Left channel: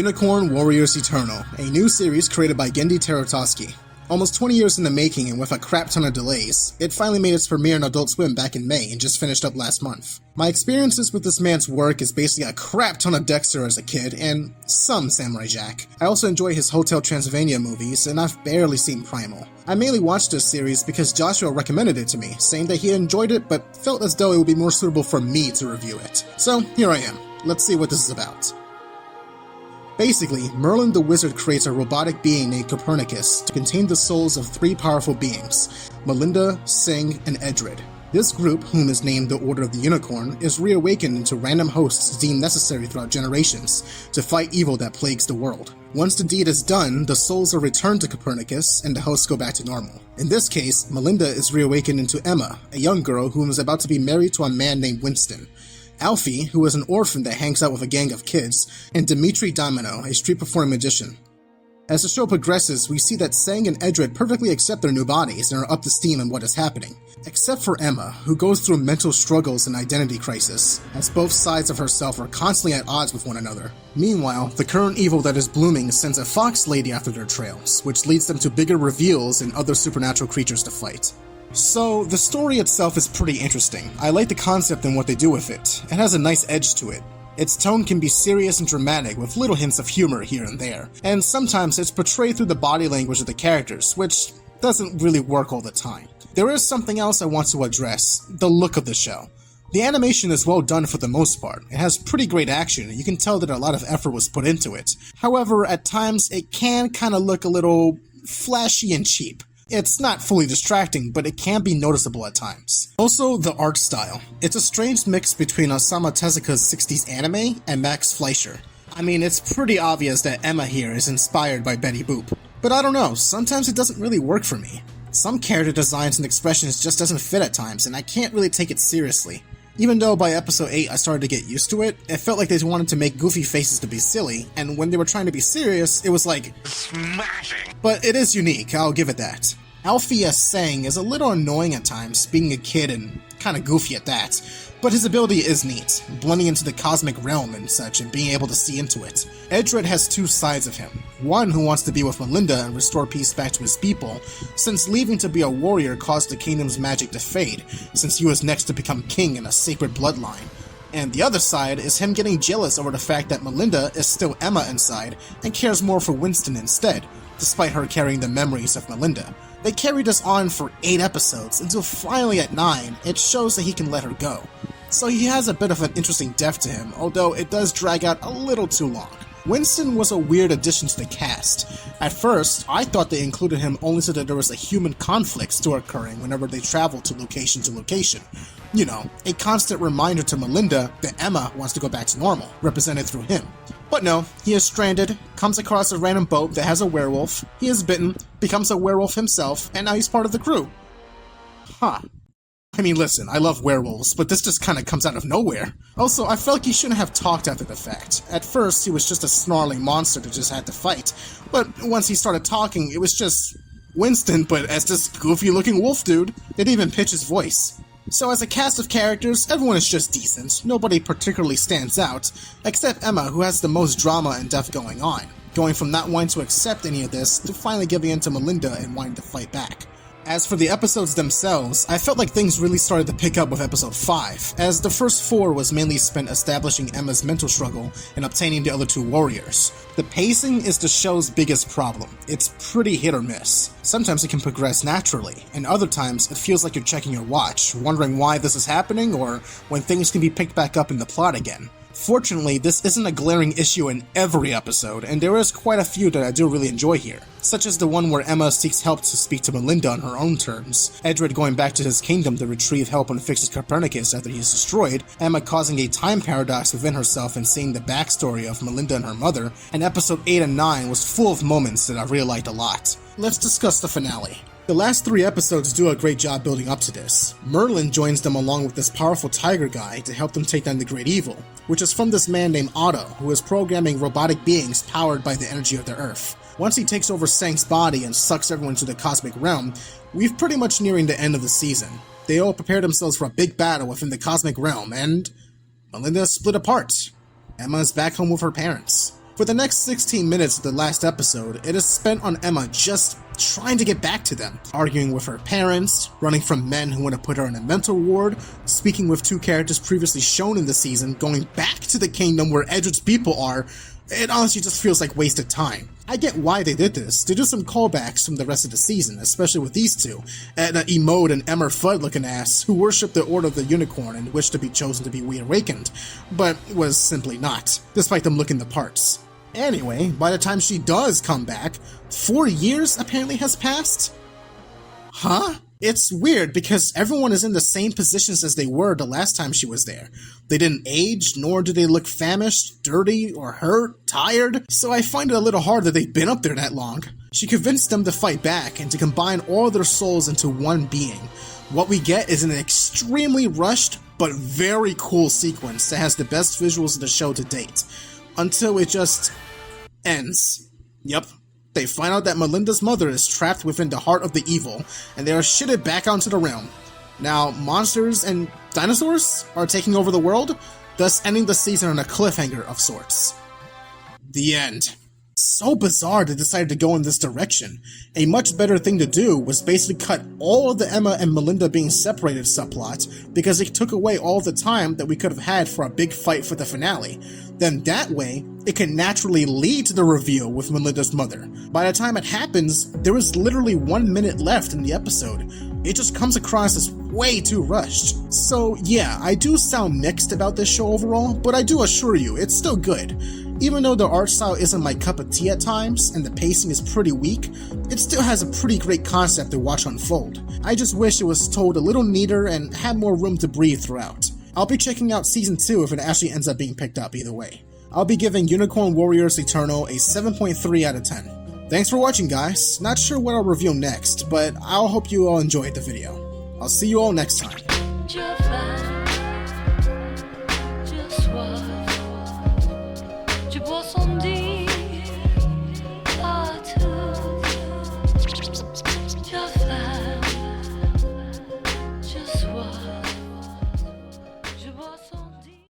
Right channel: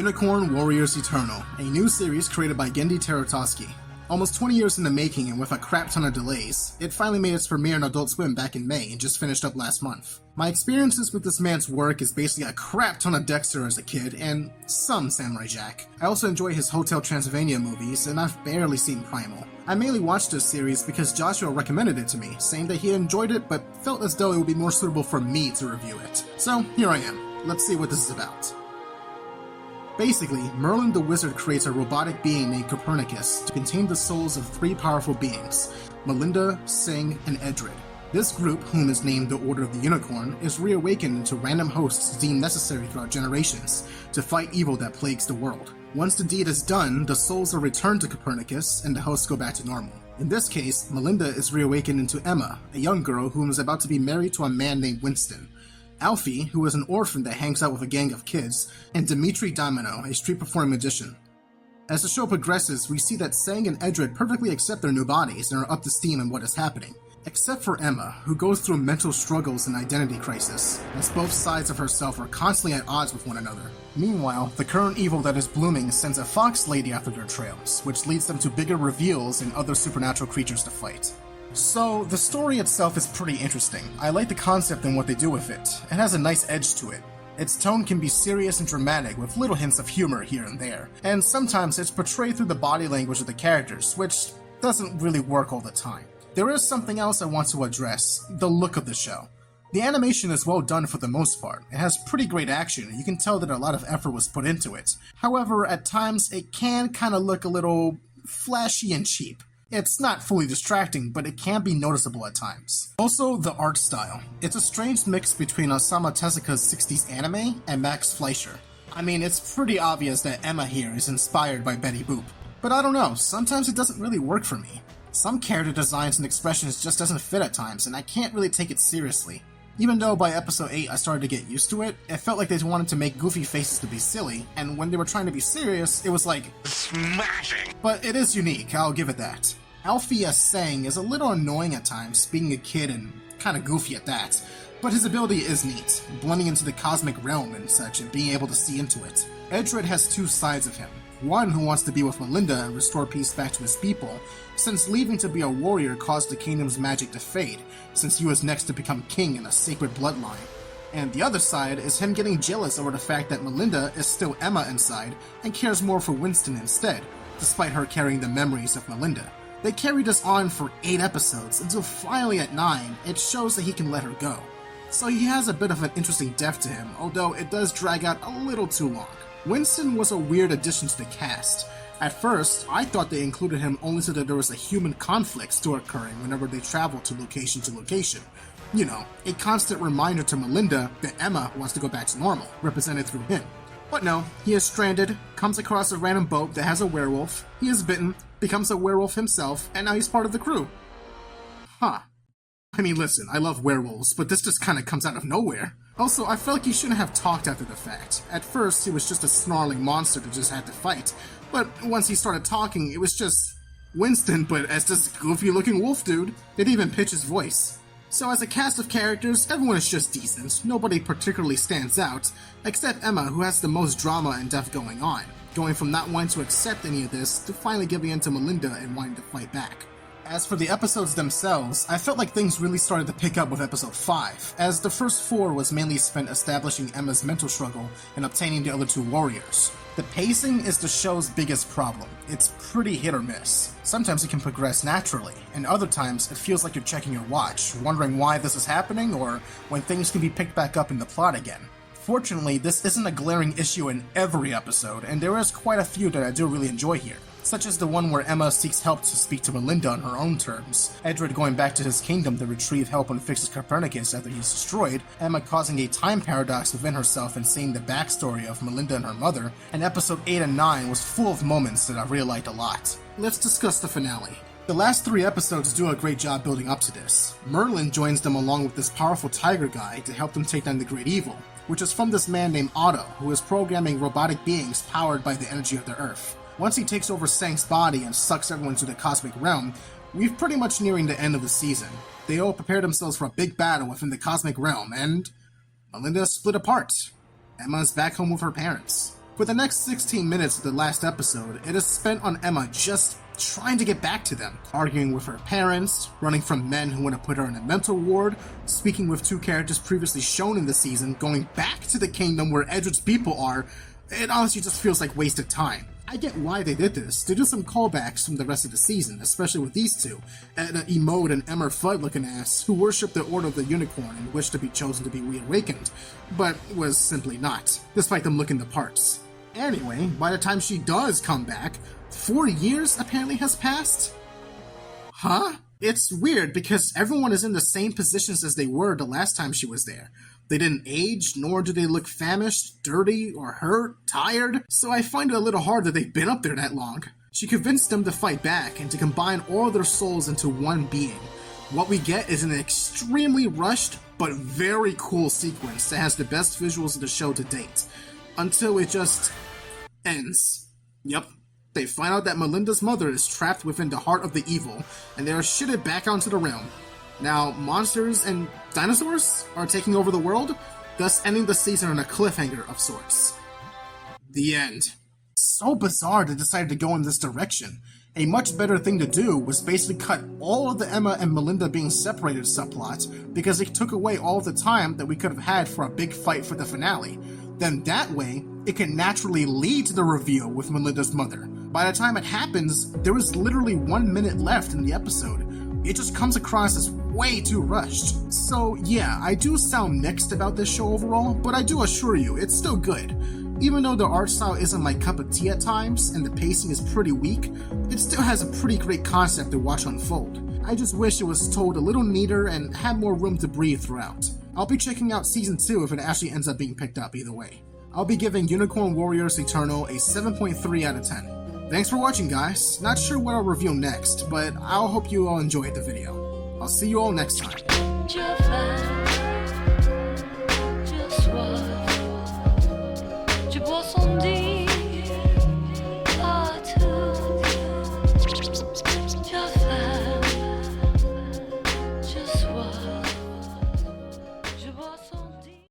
Unicorn Warriors Eternal, a new series created by Genndy Tartakovsky. Almost 20 years in the making and with a crap ton of delays, it finally made its premiere on Adult Swim back in May and just finished up last month. My experiences with this man's work is basically a crap ton of Dexter as a kid and some Samurai Jack. I also enjoy his Hotel Transylvania movies and I've barely seen Primal. I mainly watched this series because Joshua recommended it to me, saying that he enjoyed it but felt as though it would be more suitable for me to review it. So here I am. Let's see what this is about. Basically, Merlin the Wizard creates a robotic being named Copernicus to contain the souls of three powerful beings, Melinda, Sing, and Edred. This group, whom is named the Order of the Unicorn, is reawakened into random hosts deemed necessary throughout generations to fight evil that plagues the world. Once the deed is done, the souls are returned to Copernicus and the hosts go back to normal. In this case, Melinda is reawakened into Emma, a young girl who is about to be married to a man named Winston. Alfie, who is an orphan that hangs out with a gang of kids, and Dimitri Domino, a street-performing magician. As the show progresses, we see that Sang and Edred perfectly accept their new bodies and are up to steam on what is happening. Except for Emma, who goes through mental struggles and identity crisis, as both sides of herself are constantly at odds with one another. Meanwhile, the current evil that is blooming sends a fox lady after their trails, which leads them to bigger reveals and other supernatural creatures to fight. So, the story itself is pretty interesting. I like the concept and what they do with it. It has a nice edge to it. Its tone can be serious and dramatic with little hints of humor here and there, and sometimes it's portrayed through the body language of the characters, which doesn't really work all the time. There is something else I want to address, the look of the show. The animation is well done for the most part. It has pretty great action, and you can tell that a lot of effort was put into it. However, at times it can kinda look a little flashy and cheap. It's not fully distracting, but it can be noticeable at times. Also, the art style. It's a strange mix between Osamu Tezuka's 60s anime and Max Fleischer. I mean, it's pretty obvious that Emma here is inspired by Betty Boop. But I don't know, sometimes it doesn't really work for me. Some character designs and expressions just doesn't fit at times, and I can't really take it seriously. Even though by episode 8 I started to get used to it, it felt like they wanted to make goofy faces to be silly, and when they were trying to be serious, it was like smashing. But it is unique, I'll give it that. Alfie as Sang is a little annoying at times, being a kid and kinda goofy at that, but his ability is neat, blending into the cosmic realm and such and being able to see into it. Edred has two sides of him, one who wants to be with Melinda and restore peace back to his people, since leaving to be a warrior caused the kingdom's magic to fade, since he was next to become king in a sacred bloodline. And the other side is him getting jealous over the fact that Melinda is still Emma inside and cares more for Winston instead, despite her carrying the memories of Melinda. They carried us on for 8 episodes, until finally at 9, it shows that he can let her go. So he has a bit of an interesting depth to him, although it does drag out a little too long. Winston was a weird addition to the cast. At first, I thought they included him only so that there was a human conflict still occurring whenever they traveled to location. You know, a constant reminder to Melinda that Emma wants to go back to normal, represented through him. But no, he is stranded, comes across a random boat that has a werewolf, he is bitten, becomes a werewolf himself, and now he's part of the crew. Huh. I mean, listen, I love werewolves, but this just kinda comes out of nowhere. Also, I felt like he shouldn't have talked after the fact. At first, he was just a snarling monster that just had to fight, but once he started talking, it was just Winston, but as this goofy-looking wolf dude. They didn't even pitch his voice. So as a cast of characters, everyone is just decent, nobody particularly stands out, except Emma, who has the most drama and depth going on, going from not wanting to accept any of this to finally giving in to Melinda and wanting to fight back. As for the episodes themselves, I felt like things really started to pick up with episode 5, as the first 4 was mainly spent establishing Emma's mental struggle and obtaining the other 2 warriors. The pacing is the show's biggest problem. It's pretty hit or miss. Sometimes it can progress naturally, and other times it feels like you're checking your watch, wondering why this is happening or when things can be picked back up in the plot again. Fortunately, this isn't a glaring issue in every episode, and there is quite a few that I do really enjoy here, such as the one where Emma seeks help to speak to Melinda on her own terms, Edred going back to his kingdom to retrieve help and fix Copernicus after he's destroyed, Emma causing a time paradox within herself and seeing the backstory of Melinda and her mother, and episode 8 and 9 was full of moments that I really liked a lot. Let's discuss the finale. The last 3 episodes do a great job building up to this. Merlin joins them along with this powerful tiger guy to help them take down the great evil, which is from this man named Otto, who is programming robotic beings powered by the energy of the earth. Once he takes over Sang's body and sucks everyone to the cosmic realm, we've pretty much nearing the end of the season. They all prepare themselves for a big battle within the cosmic realm, and Melinda is split apart. Emma is back home with her parents. For the next 16 minutes of the last episode, it is spent on Emma just trying to get back to them, arguing with her parents, running from men who want to put her in a mental ward, speaking with two characters previously shown in the season, going back to the kingdom where Edward's people are. It honestly just feels like wasted time. I get why they did this, to do some callbacks from the rest of the season, especially with these two, Edna Emode and Emmer Fudd looking ass, who worship the Order of the Unicorn and wish to be chosen to be reawakened, but was simply not, despite them looking the parts. Anyway, by the time she does come back, 4 years apparently has passed? Huh? It's weird because everyone is in the same positions as they were the last time she was there. They didn't age, nor do they look famished, dirty, or hurt, tired, so I find it a little hard that they've been up there that long. She convinced them to fight back and to combine all their souls into one being. What we get is an extremely rushed, but very cool sequence that has the best visuals of the show to date. Until it just ends. Yep. They find out that Melinda's mother is trapped within the heart of the evil, and they are shitted back onto the realm. Now, monsters and dinosaurs are taking over the world, thus ending the season on a cliffhanger of sorts. The end. So bizarre they decided to go in this direction. A much better thing to do was basically cut all of the Emma and Melinda being separated subplot, because it took away all the time that we could have had for a big fight for the finale. Then that way, it can naturally lead to the reveal with Melinda's mother. By the time it happens, there is literally 1 minute left in the episode. It just comes across as way too rushed. So yeah, I do sound mixed about this show overall, but I do assure you, it's still good. Even though the art style isn't my cup of tea at times, and the pacing is pretty weak, it still has a pretty great concept to watch unfold. I just wish it was told a little neater and had more room to breathe throughout. I'll be checking out Season 2 if it actually ends up being picked up either way. I'll be giving Unicorn Warriors Eternal a 7.3 out of 10. Thanks for watching, guys. Not sure what I'll review next, but I'll hope you all enjoyed the video. I'll see you all next time.